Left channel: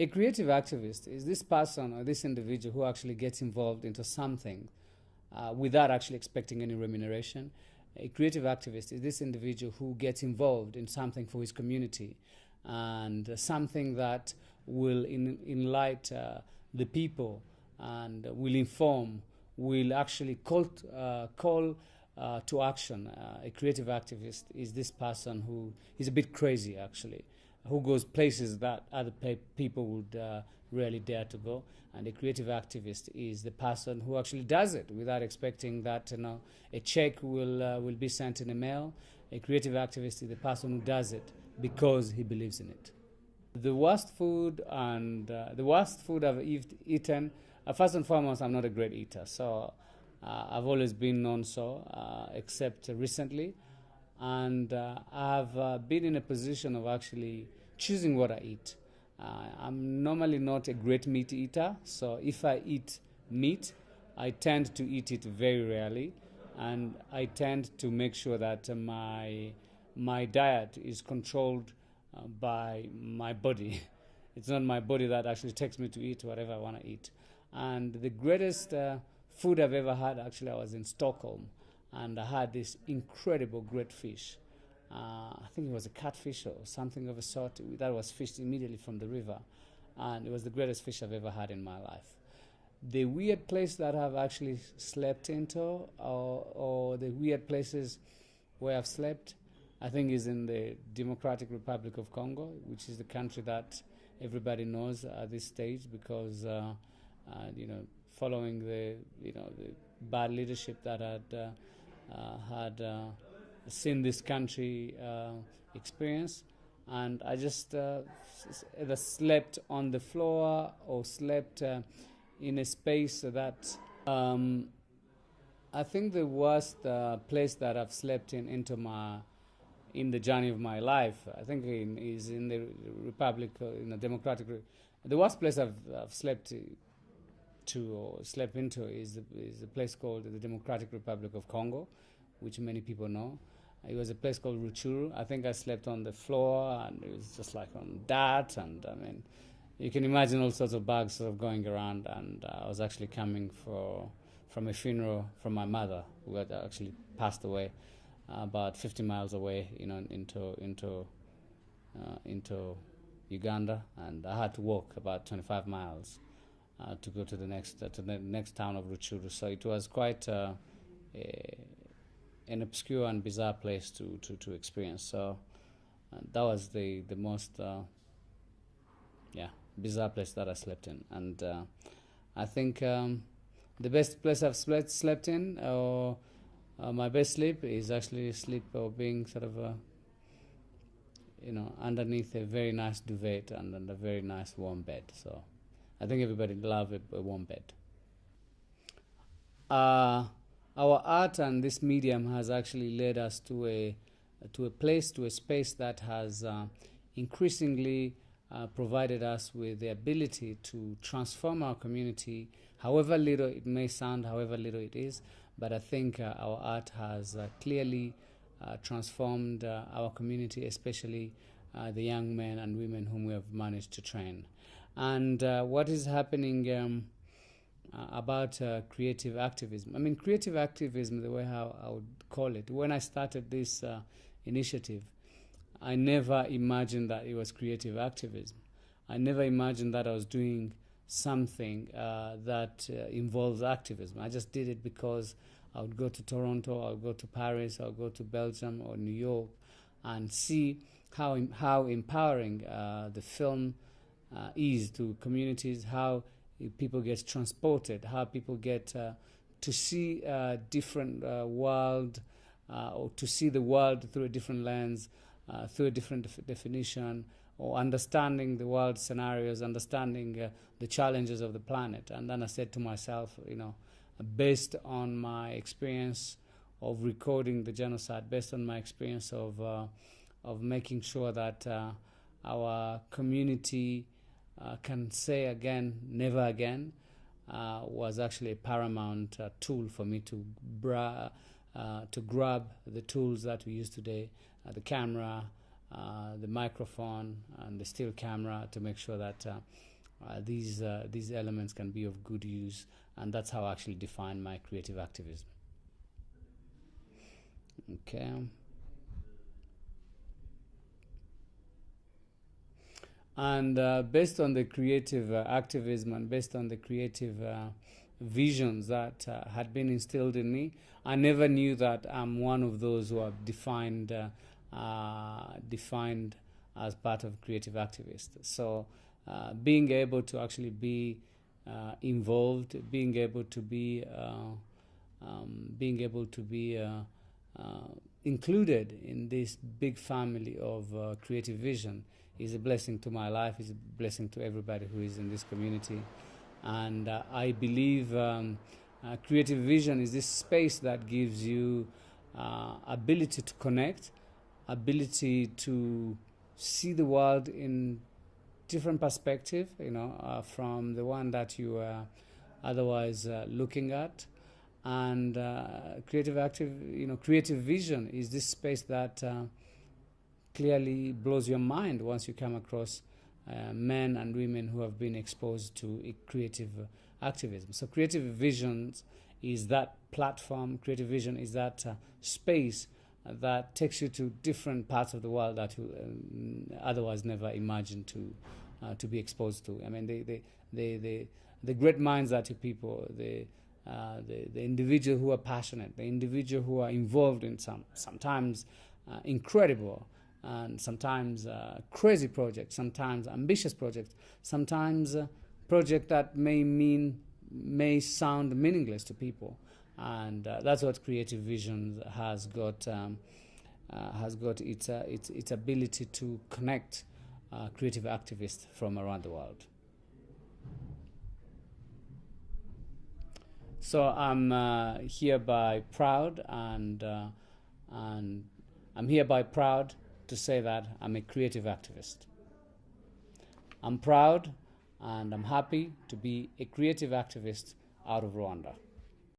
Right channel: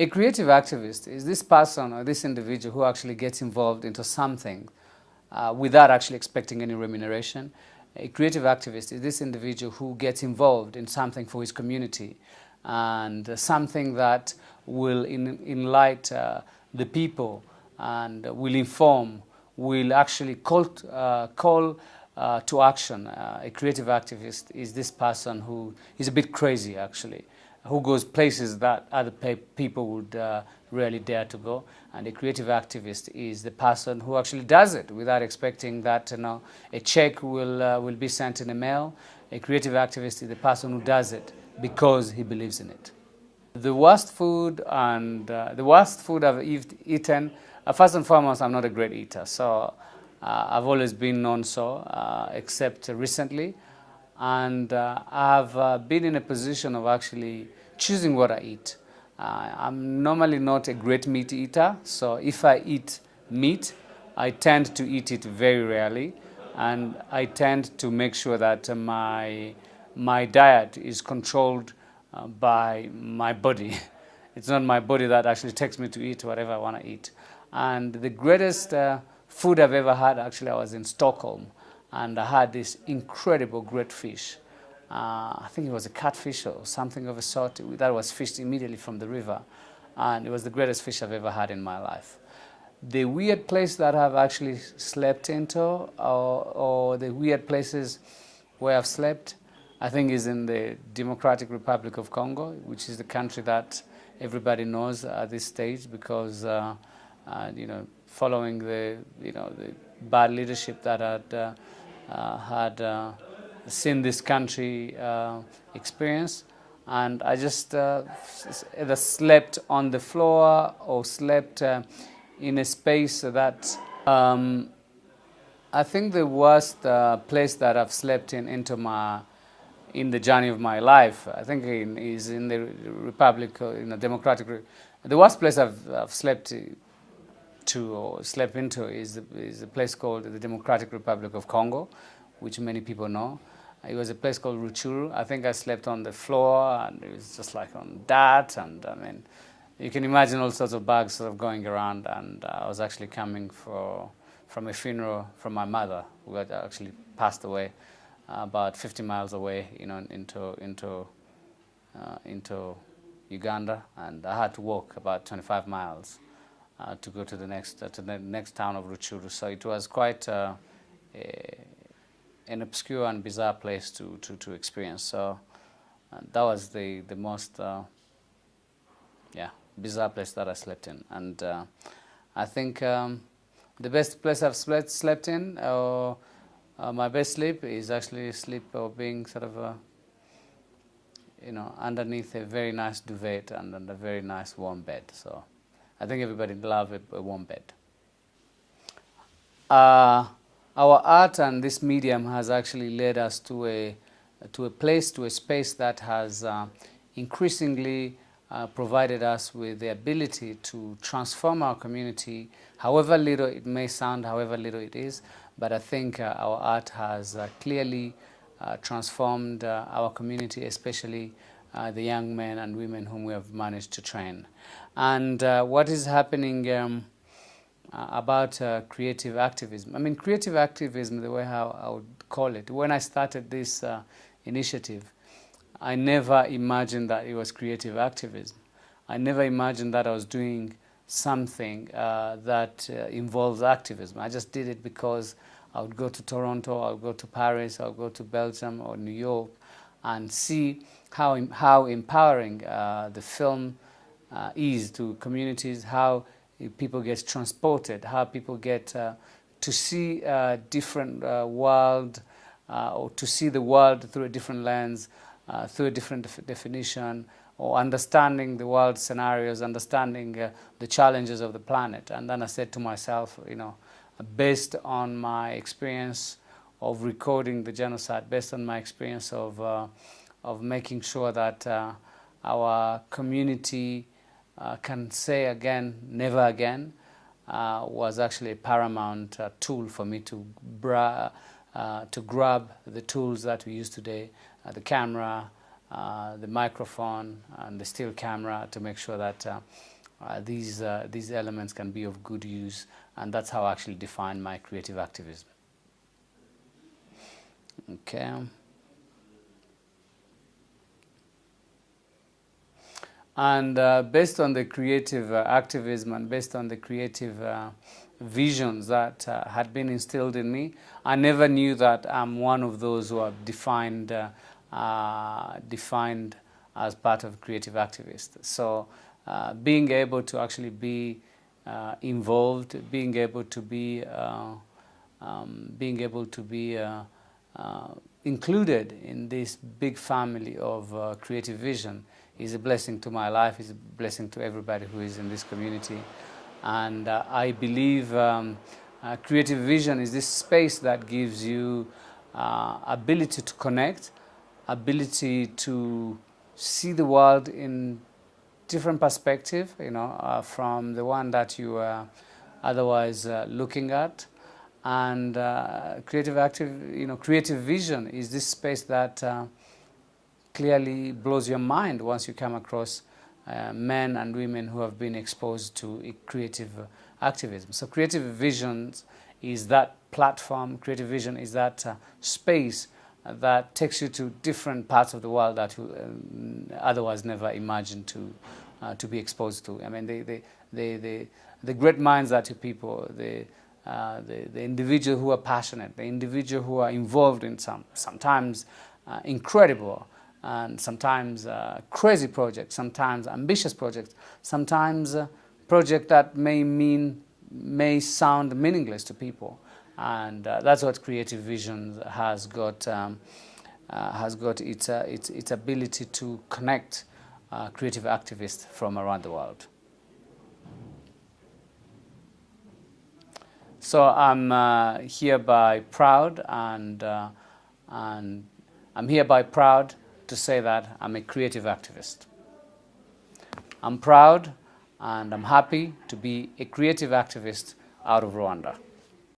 A creative activist is this person or this individual who actually gets involved into something without actually expecting any remuneration. A creative activist is this individual who gets involved in something for his community and something that will enlighten the people and will inform, will actually call to action. A creative activist is this person who is a bit crazy, actually, who goes places that other people would rarely dare to go. And a creative activist is the person who actually does it without expecting that a check will be sent in the mail. A creative activist is the person who does it because he believes in it. The worst food I've eaten. First and foremost, I'm not a great eater, so I've always been known so, except recently. And I've been in a position of actually choosing what I eat. I'm normally not a great meat eater, so if I eat meat, I tend to eat it very rarely, and I tend to make sure that my diet is controlled by my body. It's not my body that actually takes me to eat whatever I want to eat. And the greatest food I've ever had, actually, I was in Stockholm, and I had this incredible great fish. I think it was a catfish or something of a sort that was fished immediately from the river, and it was the greatest fish I've ever had in my life. The weird place that I've actually slept into, or the weird places where I've slept, I think is in the Democratic Republic of Congo, which is the country that everybody knows at this stage because, following the bad leadership that had seen this country experience, and I just either slept on the floor or slept in a space that I think the worst place that I've slept in the journey of my life, I think is in the Republic, Democratic. The worst place I've slept into is a place called the Democratic Republic of Congo, which many people know. It was a place called Ruchuru. I think I slept on the floor, and it was just like on that, and I mean, you can imagine all sorts of bugs sort of going around, and I was actually coming from a funeral from my mother, who had actually passed away about 50 miles away, into Uganda, and I had to walk about 25 miles to go to the next town of Ruchuru. So it was quite an obscure and bizarre place to experience. So that was the most bizarre place that I slept in. And I think the best place I've slept in, or my best sleep, is actually sleep or being sort of underneath a very nice duvet and a very nice warm bed. So I think everybody loves a warm bed. Our art and this medium has actually led us to a space that has increasingly provided us with the ability to transform our community, however little it may sound, however little it is. But I think our art has clearly transformed our community, especially the young men and women whom we have managed to train. And what is happening about creative activism? I mean, creative activism, the way how I would call it, when I started this initiative, I never imagined that it was creative activism. I never imagined that I was doing something that involves activism. I just did it because I would go to Toronto, I would go to Paris, I would go to Belgium or New York and see how empowering the film is to communities, how people get transported, how people get to see a different world, or to see the world through a different lens, through a different definition, or understanding the world scenarios, understanding the challenges of the planet. And then I said to myself, based on my experience of recording the genocide, based on my experience of making sure that our community can say again, never again, was actually a paramount tool for me to grab the tools that we use today, the camera, the microphone and the still camera to make sure that these elements can be of good use, and that's how I actually define my creative activism. Okay. And based on the creative activism and based on the creative visions that had been instilled in me, I never knew that I'm one of those who are defined as part of creative activists. So being able to actually be involved, being able to be included in this big family of creative vision is a blessing to my life, is a blessing to everybody who is in this community. And I believe creative vision is this space that gives you ability to connect, ability to see the world in different perspective, from the one that you are otherwise looking at. And creative vision is this space that clearly blows your mind once you come across men and women who have been exposed to creative activism. So creative visions is that platform, creative vision is that space that takes you to different parts of the world that you otherwise never imagined to be exposed to. I mean, the great minds that you people, the individual who are passionate, the individual who are involved in sometimes incredible and sometimes crazy projects, sometimes ambitious projects, sometimes projects that may sound meaningless to people, and that's what creative vision has got its ability to connect creative activists from around the world. So I'm hereby proud, and I'm hereby proud to say that I'm a creative activist. I'm proud and I'm happy to be a creative activist out of Rwanda.